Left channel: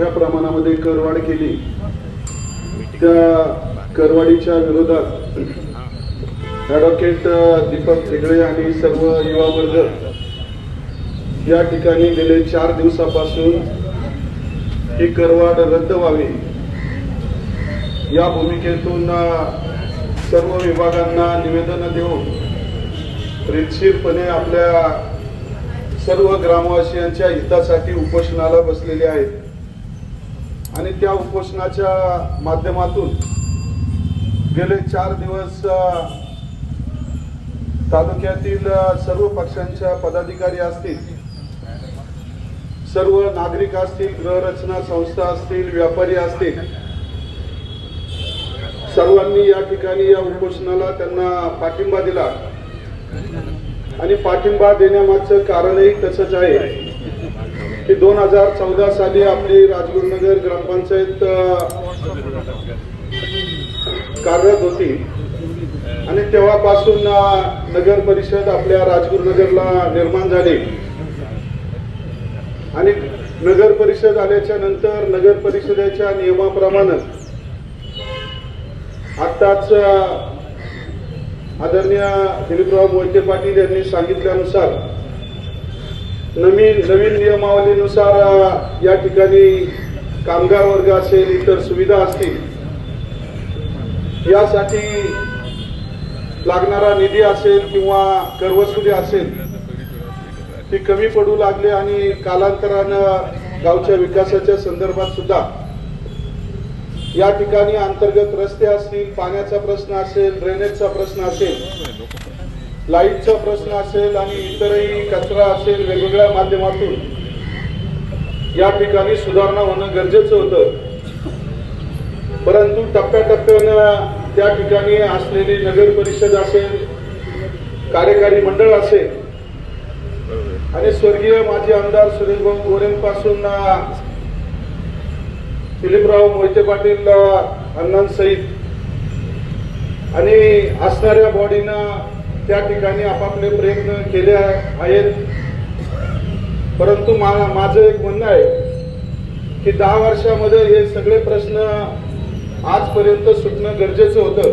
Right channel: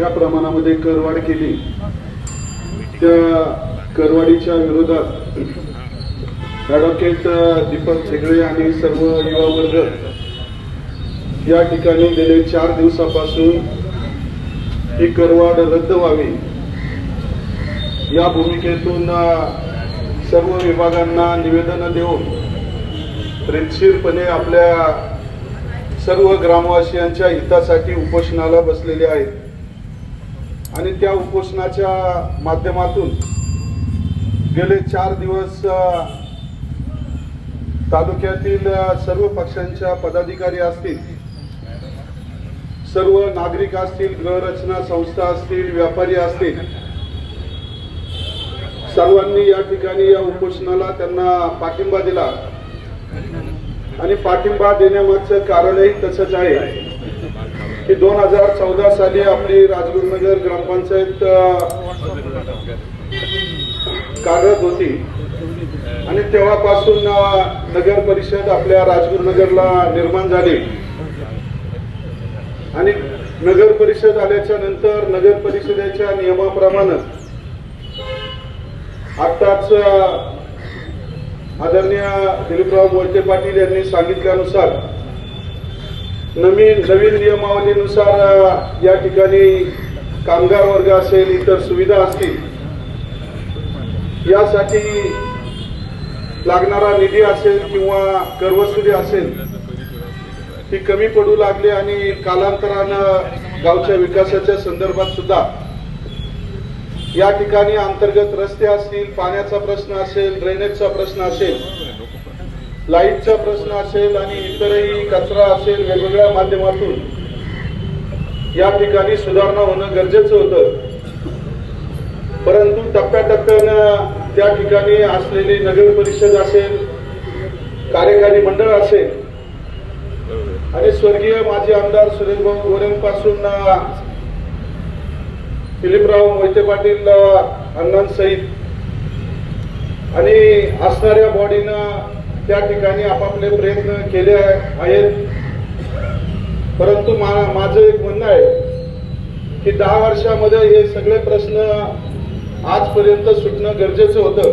मोठ्या प्रमाणामध्ये करवाढ केली. त्या करवाढीच्या विरोधात ॲडव्होकेट दीपक हेगडे आणि सर्व युवा वर्ग या ठिकाणी गेले चार दिवसापासून ही करवाढ रद्द व्हावी. या भूमिकेतून सर्व विभागांना निवेदन देऊन रितशीरपणे आपल्या सर्व ग्रामवासियांच्या हितासाठी उपोषणाला बसलेले आहेत. आणि त्या उपोषणाच्या माध्यमातून गेले चार दिवस तालुक्यातील सर्व पक्षांच्या पदाधिकारी असतील सर्व नागरिक असतील गृहरचना संस्था असतील व्यापारी असतील सर्वांनी या ठिकाणी या उपोषणाला त्यांना पाठिंबा दिला. आणि पाठिंबा देण्यामागचं कारणही तसंच आहे. की दोन हजार चौदा साली आपली राजगुरुनगर ग्रामपंचायत कार्यरत होती. आणि तेव्हापासून नगर परिषद आपल्या राजगुरुनगरला निर्माण झाली. आणि नगर परिषद आल्याच्यानंतर नगर परिषदेच्या नियमाप्रमाणे आत्ताच आदरणीय दिलीपराव मोहिते पाटील यांनी सांगितल्यानुसार नवीन नवीन नियमावलीनुसार या ठिकाणी कामगार वर्ग असेल इतर सुविधा असतील यासाठी लागणारा निधी असेल किंवा करवसुली असेल ती कमी पडू लागली आणि कालांतरानं गावच्या विकासाच्या संदर्भात सुद्धा या ठिकाणी अंतर्गत रस्ते असतील पाण्याचा प्रश्न असेल ड्रेनेजचा प्रश्न असेल लाईटचा प्रश्न असेल आणि इतरही कचरा असेल वेगवेगळ्या माध्यमातून या ठिकाणी सुधारणा होणं गरजेचं होतं. परंतु टप्प्याटप्प्यानं त्या ठिकाणी असलेली नगर परिषद असेल कार्यकारी मंडळ असेल आणि स्वर्गीय माजी आमदार सुरेशभाऊ गोरेंपासून दिलीपराव मोहिते पाटील अण्णांसहित आणि असणाऱ्या बॉडीनं त्या ठिकाणी आपापले प्रयत्न केले आहेत. परंतु मा- माझं एक म्हणणं आहे की दहा वर्षामध्ये हे सगळे प्रश्न आजपर्यंत सुटणं गरजेचं होतं.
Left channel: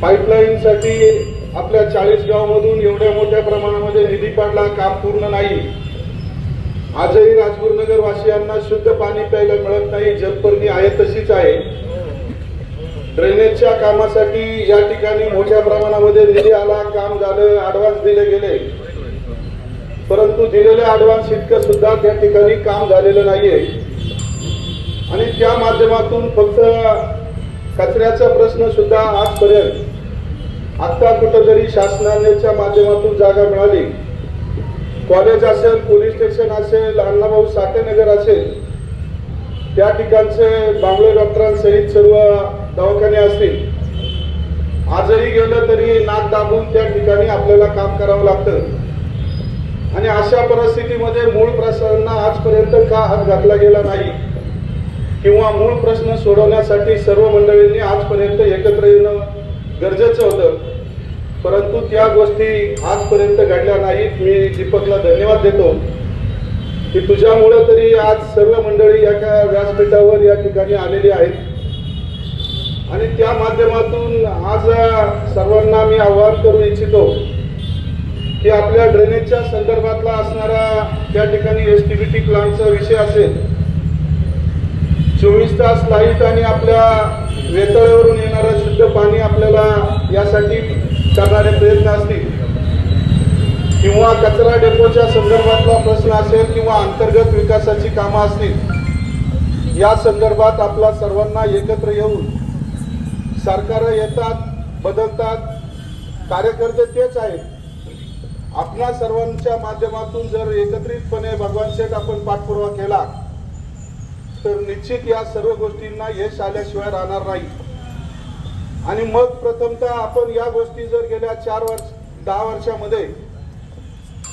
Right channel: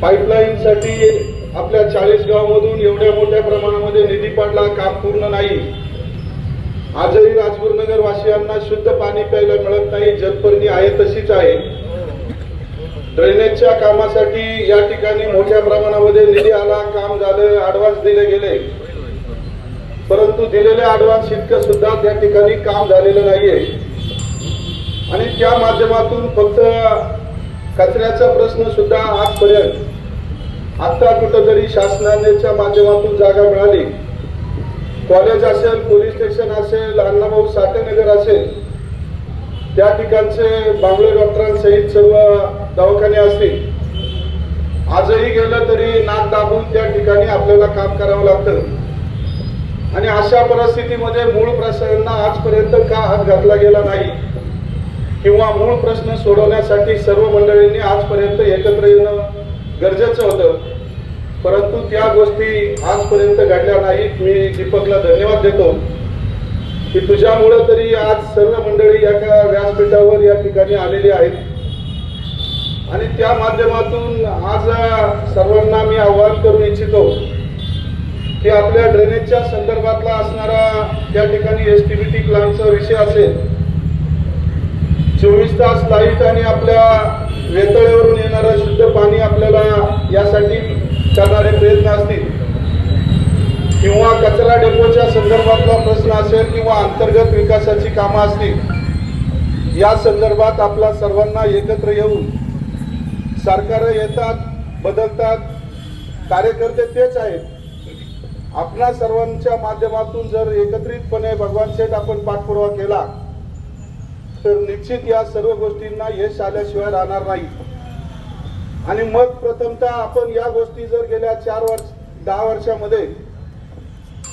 पाईपलाईनसाठी आपल्या चाळीस गावामधून एवढ्या मोठ्या प्रमाणामध्ये निधी पाडला काम पूर्ण नाही. आजही राजगुरुनगर वासियांना शुद्ध पाणी प्यायला मिळत नाही जलपर्णी आहे तशीच आहे. ड्रेनेजच्या कामासाठी या ठिकाणी मोठ्या प्रमाणामध्ये निधी आला काम झालं ऍडव्हान्स दिले गेले. परंतु दिलेले ऍडव्हान्स इतकं सुद्धा त्या ठिकाणी काम झालेलं नाहीये. आणि त्या माध्यमातून फक्त कचऱ्याचा प्रश्न सुद्धा आजपर्यंत आता कुठंतरी शासनाच्या माध्यमातून जागा मिळाली. कॉलेज असेल पोलीस स्टेशन असेल अण्णाभाऊ साठेनगर असेल त्या ठिकाणचे बांगलो डॉक्टरांसहित सर्व दवाखाने असतील. आजही गेलं तरी नाक दाबून त्या ठिकाणी आपल्याला काम करावं लागतं. आणि अशा परिस्थितीमध्ये मूळ प्रश्नांना आजपर्यंत का हात घातला गेला नाही? किंवा मूळ प्रश्न सोडवण्यासाठी सर्व मंडळींनी आजपर्यंत एकत्र येणं गरजेचं होतं. परंतु त्या गोष्टी आजपर्यंत घडल्या नाहीत. मी दीपकला धन्यवाद देतो. की तुझ्यामुळं तरी आज सर्व मंडळी एका व्यासपीठावर या ठिकाणी आलेली आहेत. आणि त्या माध्यमातून आज सर्वांना मी आवाहन करू इच्छितो की आपल्या ड्रेनेजच्या संदर्भातला असणारा त्या ठिकाणी एस टी बी टी प्लानचा विषय असेल चोवीस तास लाइट आणि आपल्या वेतळेवरून येणारं शुद्ध पाणी आपल्याला यासाठी करणारे प्रयत्न असतील किंवा कचरा डेपोच्या संदर्भातला प्रश्न असेल किंवा अंतर्गत विकासाची कामं असतील या संदर्भात आपला सर्वांना एकत्र येऊन सरकार येतात बदलतात कार्यकर्ते तेच आहेत. आपणा सर्वांच्या माध्यमातून जर एकत्रितपणे भगवान शेठ आपण पाठपुरावा केला तर निश्चित या सर्व गोष्टींना यश आल्याशिवाय राहणार नाही. आणि मग प्रथमतः आपण या गोष्टी जर गेल्या चार वर्ष दहा वर्षामध्ये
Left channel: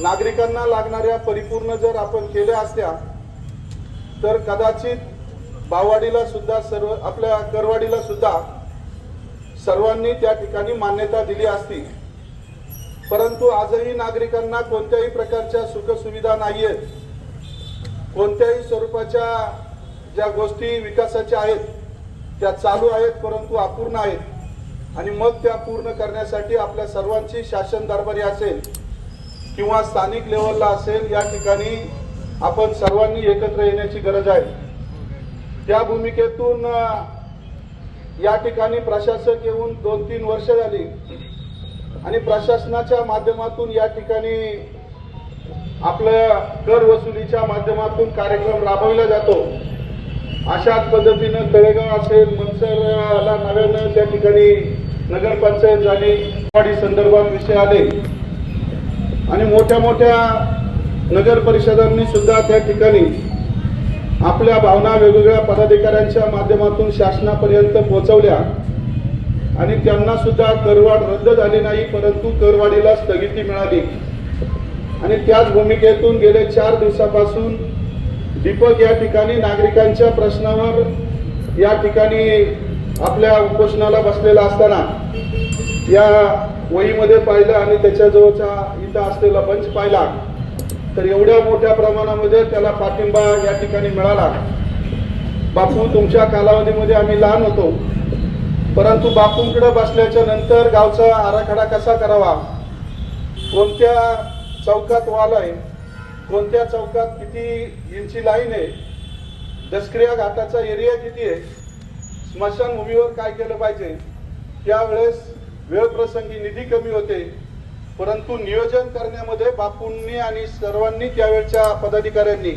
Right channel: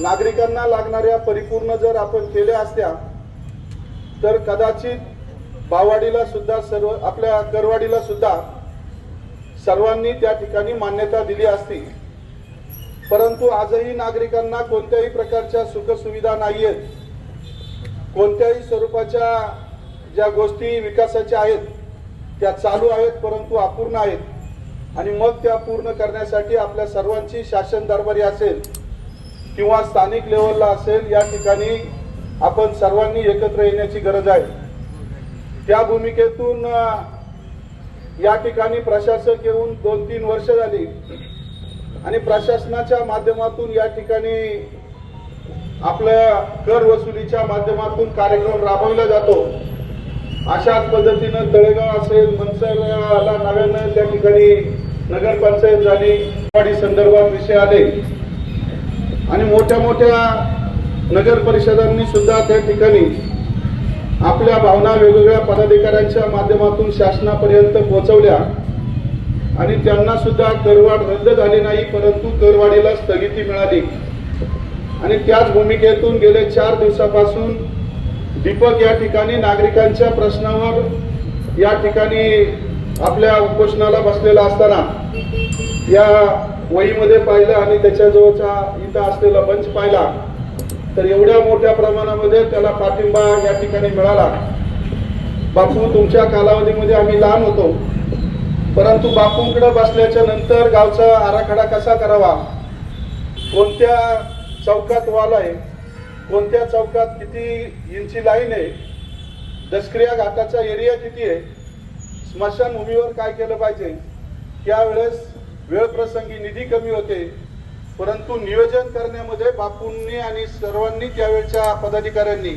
नागरिकांना लागणाऱ्या परिपूर्ण जर आपण केल्या असत्या तर कदाचित बावाडीला सुद्धा सर्व आपल्या करवाडीला सुद्धा सर्वांनी त्या ठिकाणी मान्यता दिली असती. परंतु आजही नागरिकांना कोणत्याही प्रकारच्या सुखसुविधा नाहीयेत. कोणत्याही स्वरूपाच्या ज्या गोष्टी विकासाच्या आहेत त्या चालू आहेत परंतु अपूर्ण आहेत. आणि मग त्या पूर्ण करण्यासाठी आपल्या सर्वांची शासन दरबारी असेल किंवा स्थानिक लेवलला असेल या ठिकाणी आपण सर्वांनी एकत्र येण्याची गरज आहे. त्या भूमिकेतून या ठिकाणी प्रशासक येऊन दोन तीन वर्ष झाली. आणि प्रशासनाच्या माध्यमातून या ठिकाणी आपल्या कर वसुलीच्या माध्यमातून कार्यक्रम राबवला जातो. अशाच पद्धतीनं तळेगाव असेल मनसरला नव्यानं त्या ठिकाणी नगरपंचायत झाली वाढी संदर्भात विषय आले. आणि मोठ्या मोठ्या नगर परिषदांनी सुद्धा त्या ठिकाणी आपल्या भावना वेगवेगळ्या पदाधिकाऱ्यांच्या माध्यमातून शासनापर्यंत पोहोचवल्या. आणि त्यांना सुद्धा करवाढ रद्द झाली नाही परंतु करवाढीला स्थगिती मिळाली. आणि त्याच भूमिकेतून गेले चार दिवसापासून दीपक या ठिकाणी नागरिकांच्या प्रश्नावर या ठिकाणी आपल्या उपोषणाला बसलेला असताना या वहीमध्ये पाहिलं आणि त्याच्याजवळचा इथं असलेला मंच पाहिला. तर एवढ्या मोठ्या प्रमाणामध्ये त्याला पाठिंबा या ठिकाणी मिळाला. बापू तुमच्या कालावधीमध्ये आम्ही लहान होतो. परंतु बापूंकडे बसल्याच्या नंतर गावचा आराखडा कसा करावा? कोणत्या चौकात वाल आहे कोणत्या चौकात किती इंची लाईन आहे? दसक्रिया घाटाचा एरिया किती आहे? स्मशानभूमीवर काय केलं पाहिजे? त्यावेळेस वेळप्रसंगी निधी कमी होते. परंतु नियोजन करण्यामध्ये बापूंनी आणि सर्वांनी त्यावेळच्या पदाधिकाऱ्यांनी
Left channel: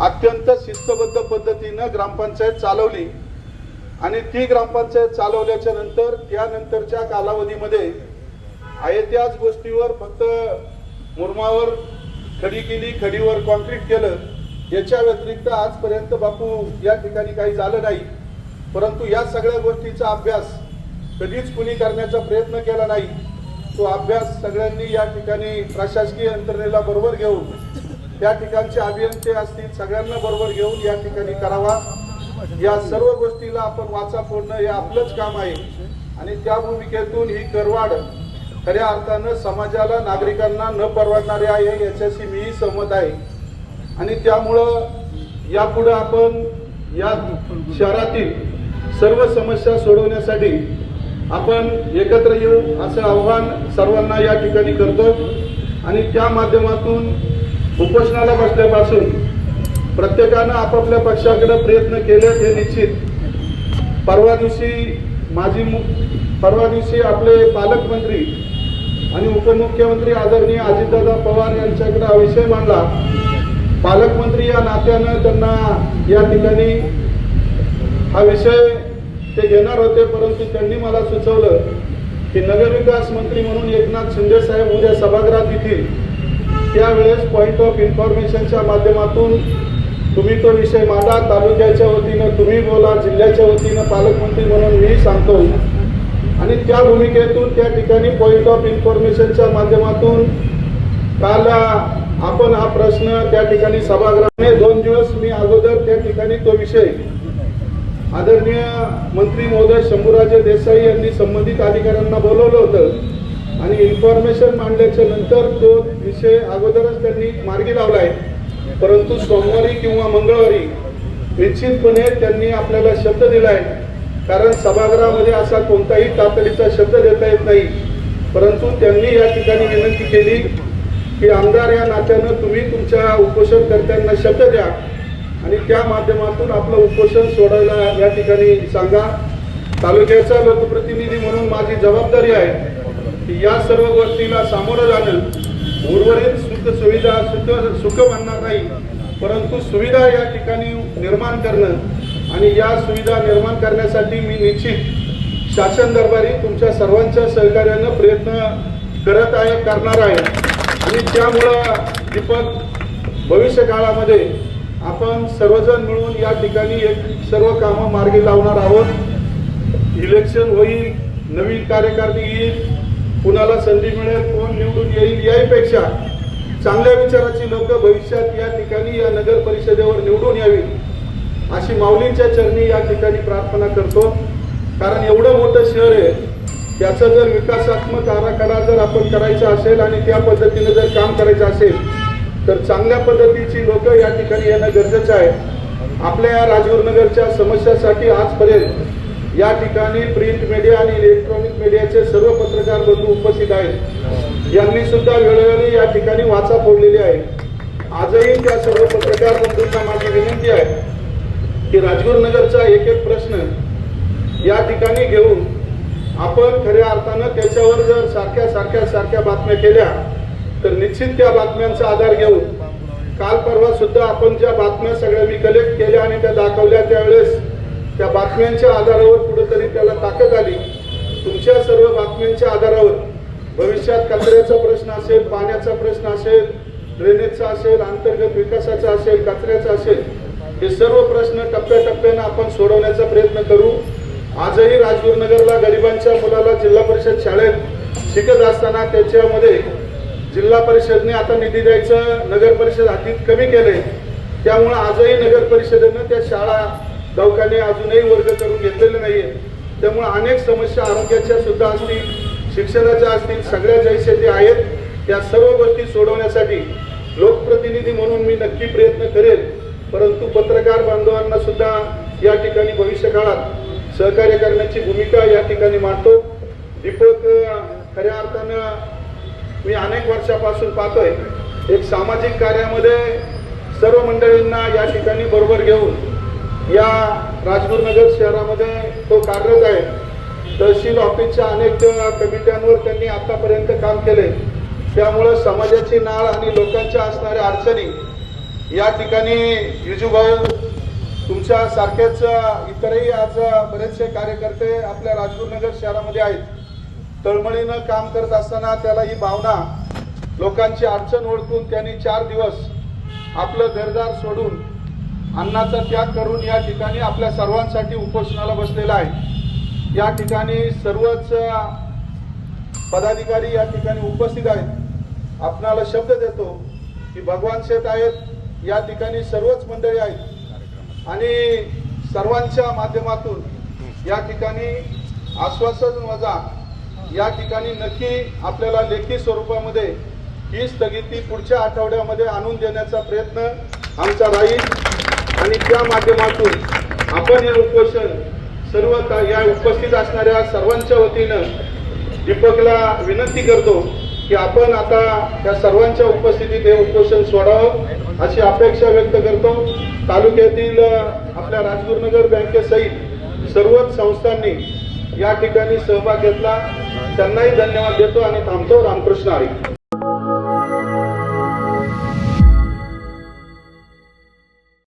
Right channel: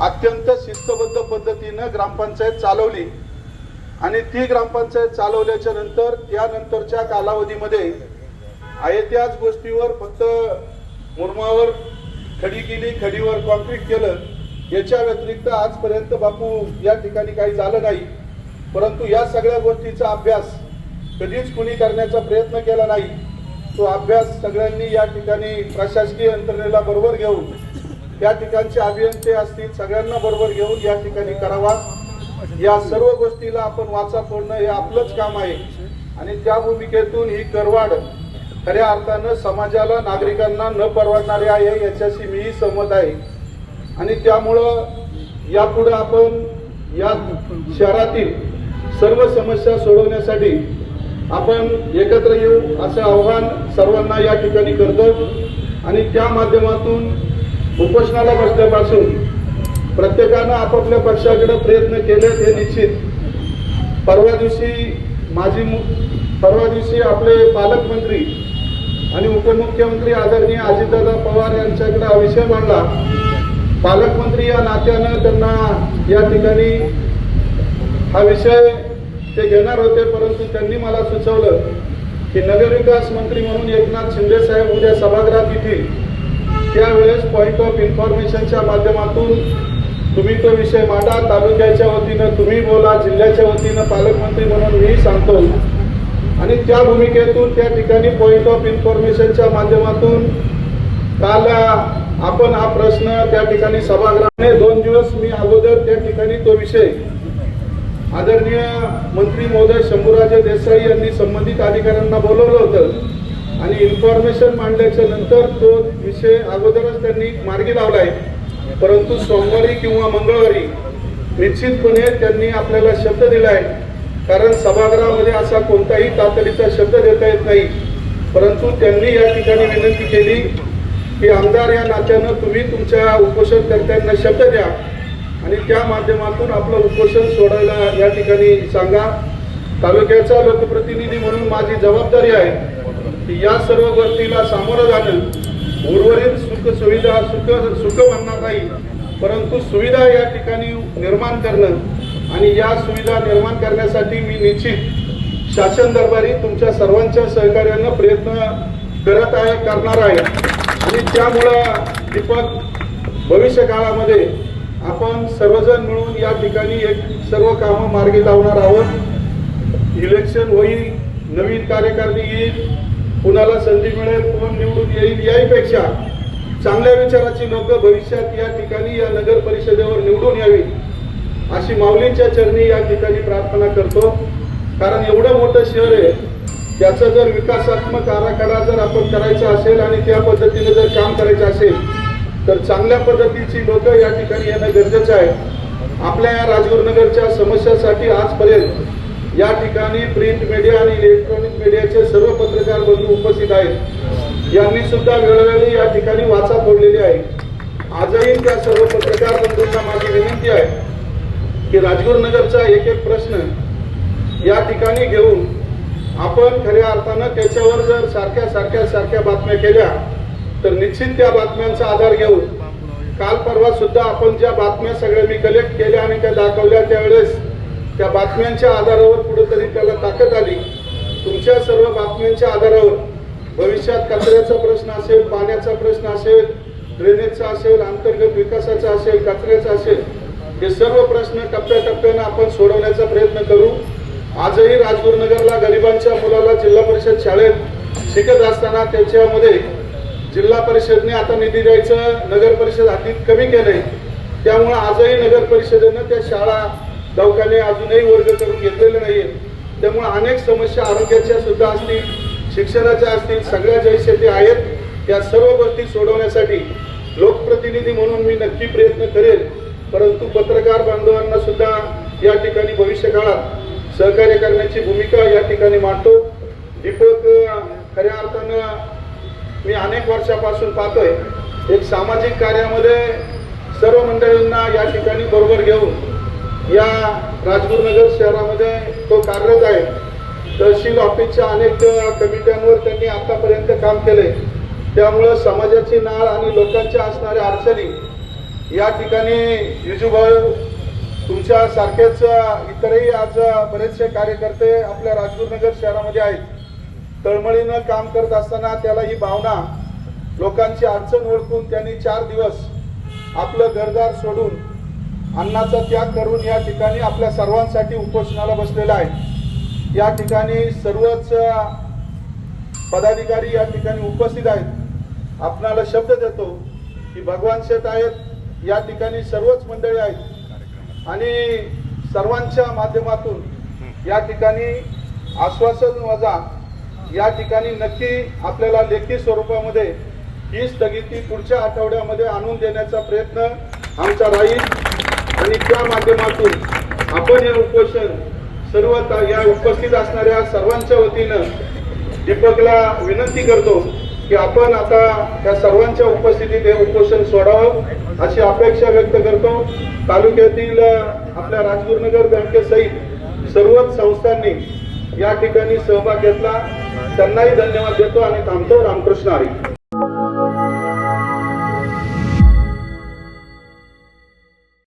अत्यंत शिस्तबद्ध पद्धतीनं ग्रामपंचायत चालवली. आणि ती ग्रामपंचायत चालवल्याच्या नंतर त्यानंतरच्या कालावधीमध्ये आहे त्याच गोष्टीवर फक्त मुरमावर खडी केली खडीवर कॉन्क्रीट केलं. याच्या व्यतिरिक्त आजपर्यंत बापू या ठिकाणी काही झालं नाही. परंतु या सगळ्या गोष्टीचा अभ्यास कधीच कुणी करण्याचा प्रयत्न केला नाही. तो अभ्यास सगळ्यांनी या ठिकाणी प्रशासकीय यंत्रणेला बरोबर घेऊन या ठिकाणचे अभियंते असतील सगळ्यांना बरोबर घेऊन या ठिकाणी करावा. या सर्व गोष्टीला आपण वाचा फोडणं हे आपलंच काम आहे. आणि त्या भूमिकेतून ही करवाड खऱ्या अर्थानं समाजाला नागरिकांना न परवडणारे आहे याच्याशी मीही सहमत आहे. आणि त्यामुळं यापुढे आपण या शहरातील सर्व समस्या सोडवण्यासाठी आपण एकत्र येऊ असं आव्हान सर्वांना या ठिकाणी करतो. आणि त्या माध्यमातून उपोषणाला बसल्यापासून प्रत्येकानं आपापल्या पक्षाकडे प्रयत्न केले हे निश्चित. परवा दिवशी माझी परवा दिवशी आपले पालकमंत्री आणि उपमुख्यमंत्री आदरणीय अजितदादा पवार यांच्याकडे हा विषय मांडला. पालकमंत्री या नात्यानं त्यांना या ठिकाणी हा विषय ते घेणार होते परंतु त्यांनी मला सुचवलं की नगरविकास मंत्री म्हणून एकनाथ शिंदे साहेब उद्या सभागृहात येतील. त्यावेळेस पॉईंट ऑफ इन्फॉर्मेशनच्या माध्यमातून तुम्ही तो विषय मांडा. तालुक्याच्या वतीनं तुम्ही बोला जिल्ह्याच्या वतीनं पालकमंत्री म्हणून मी सांगतो. आणि त्या भूमिकेतून त्या ठिकाणी पॉईंट ऑफ इन्फॉर्मेशनच्या माध्यमातून काल आपण हा प्रश्न त्या ठिकाणी सभागृहाने दोन दिवस मी अगोदर त्या ठिकाणी तो विषय आदरणीय मंत्री महोदय शंभूराजे देसाई यांनी संबंधित अधिकाऱ्यांना बोलवलं होतं. आणि इन्फॉर्मेशन मांडल्याच्या नंतर तो विषय अगोदरच त्यांनी मार्गी लावलाय परंतु सोमवारी किंवा मंगळवारी निश्चितपणे त्यांनी आपल्याला शब्द दिलाय कारण सभागृहामध्ये असा कोणताही तातडीचा शब्द देता येत नाही. परंतु त्यांनी या ठिकाणी विनंती केली की आमदार या नात्यानं तुम्ही तुमच्या उपोषणकर्त्यांना शब्द द्या. आणि त्या माध्यमातून आपलं उपोषण सोडायला या ठिकाणी सांगा. तालुक्याचा लोकप्रतिनिधी म्हणून माझी जबाबदारी आहे की या सर्व गोष्टीला सामोरं जाणं. उर्वरित सुख सुविधा सुख सुख म्हणणार नाही परंतु सुविधा या ठिकाणी निर्माण करणं आणि या सुविधा निर्माण करण्यासाठी मी निश्चित शासन दरबारी तुमच्या सर्वांच्या सहकार्यानं प्रयत्न करत आहे करणार आहे. आणि त्यामुळं दीपक भविष्य काळामध्ये आपण सर्वजण मिळून या ठिकाणी एक सर्व कामं मार्गी लावणार आहोत. इलेक्शन होईल नवीन कार्यकारणी येईल कुणाला संधी मिळेल कोण निवडून येईल याहीपेक्षा चांगल्या विचाराची लोक भविष्यात या ठिकाणी या नगर परिषदेवर निवडून यावी अशी माऊलींच्या चरणी या ठिकाणी प्रार्थना करतो. कारण एवढं मोठं शहर आहे त्याचा जर विकासात्मक आराखडा जर आपण करायचा असेल आणि त्या पद्धतीने जर काम करायचं असेल तर चांगल्या पद्धतीची लोक या ठिकाणी येणं गरजेचं आहे. आपल्या या राजगुरुनगरच्या समस्यासाठी आजपर्यंत या ठिकाणी प्रिंट मीडिया आणि इलेक्ट्रॉनिक मीडियाचे सर्व पत्रकार बंधू उपस्थित आहेत. यांनी सुद्धा वेळोवेळी या ठिकाणी वाचा फोडलेली आहे. आजही त्या सर्व पत्रकार बंधूंना माझी विनंती आहे की राजगुरुनगरचा एक एक प्रश्न या ठिकाणी घेऊन आपण खऱ्या अर्थानं त्याच्यावर जर सारख्या सारख्या सारख्या बातम्या केल्या तर निश्चित त्या बातम्यांचा आधार घेऊन काल परवा सुद्धा आपण ज्या बातम्या सगळ्या मी कलेक्ट केल्या आणि त्या दाखवल्या त्या बातम्यांच्या आधारावर कुठेतरी त्याला ताकद आली. तुमच्या सर्व बातम्यांच्या आधारावर भविष्यात कचऱ्याचा प्रश्न असेल पाण्याचा प्रश्न असेल ड्रेनेजचा असेल अंतर्गत विकासाचा असेल कचऱ्याचा असेल हे सर्व प्रश्न टप्प्याटप्प्यानं आपण सोडवण्याचा प्रयत्न करू. आजही राजगुरुनगरला गरिबांच्या मुलाला जिल्हा परिषद शाळेत शिकत असताना त्याच्यामध्ये जिल्हा परिषदने आता निधी द्यायचं नगर परिषद हातीत कमी केलंय. त्यामुळे आजही नगर परिषदेनं त्या शाळा दवाखाने अजूनही वर्ग करून घेतलेले नाहीये. त्यामुळे अनेक समस्या आरोग्याच्या सुद्धा असतील शिक्षणाच्या असतील सगळ्या जैसे ते आहेत त्या सर्व गोष्टी सोडवण्यासाठी लोकप्रतिनिधी म्हणून मी नक्की प्रयत्न करेन. परंतु पत्रकार बांधवांना सुद्धा या ठिकाणी भविष्य काळात सहकार्य करण्याची भूमिका या ठिकाणी मांडतो. दीपक खऱ्या अर्थानं मी अनेक वर्षापासून पाहतोय एक सामाजिक कार्यामध्ये सर्व मंडळींना या ठिकाणी बरोबर घेऊन या राजगुरुनगर शहरामध्ये तो कार्यरत आहे. तहसील ऑफिसच्या अनेक कमिट्यांवर त्यांनी आतापर्यंत काम केले. त्यामुळं समाजाची नाळ आणि लोकांच्या असणाऱ्या अडचणी या ठिकाणी युजूभाऊ तुमच्या सारखेच इतरही आज बरेचसे कार्यकर्ते आपल्या राजगुरुनगर शहरामध्ये आहेत. तळमळीनं काम करत असताना त्याला ही भावना लोकांची अडचण ओळखून त्यांनी चार दिवस आपलं घरदार सोडून अन्नाचा त्याग करून या ठिकाणी आपल्या सर्वांसाठी उपोषणाला बसलेला आहे. या ठिकाणी सर्वच पदाधिकारी या ठिकाणी उपस्थित आहेत. आपणाला शब्द देतो की भगवान शेठ आहेत या ठिकाणी सर्वच मंडळी आहेत. आणि सर्वांच्या माध्यमातून या ठिकाणी आश्वासन वजा या ठिकाणी नक्की आपल्याला लेखी स्वरूपामध्ये ही स्थगिती पुढच्या आठवड्यामध्ये आणून देण्याचा प्रयत्न आमचा राहील. आणि त्या माध्यमातून आपण हे उपोषण सर्व या उपस्थित असणाऱ्या सर्वांच्या वतीनं दीपकला विनंती करतो की आपण आता त्या सर्वांच्या उपस्थितीत हे उपोषण सोडावं अशी अपेक्षा व्यक्त करतो. तालुक्यातील आपल्या राजगुरुनगर बँकेसहित सर्वच संस्थांनी या ठिकाणी सहभाग घेतला. त्यांनाही धन्यवाद देतो आणि थांबतो रामकृष्ण हरी.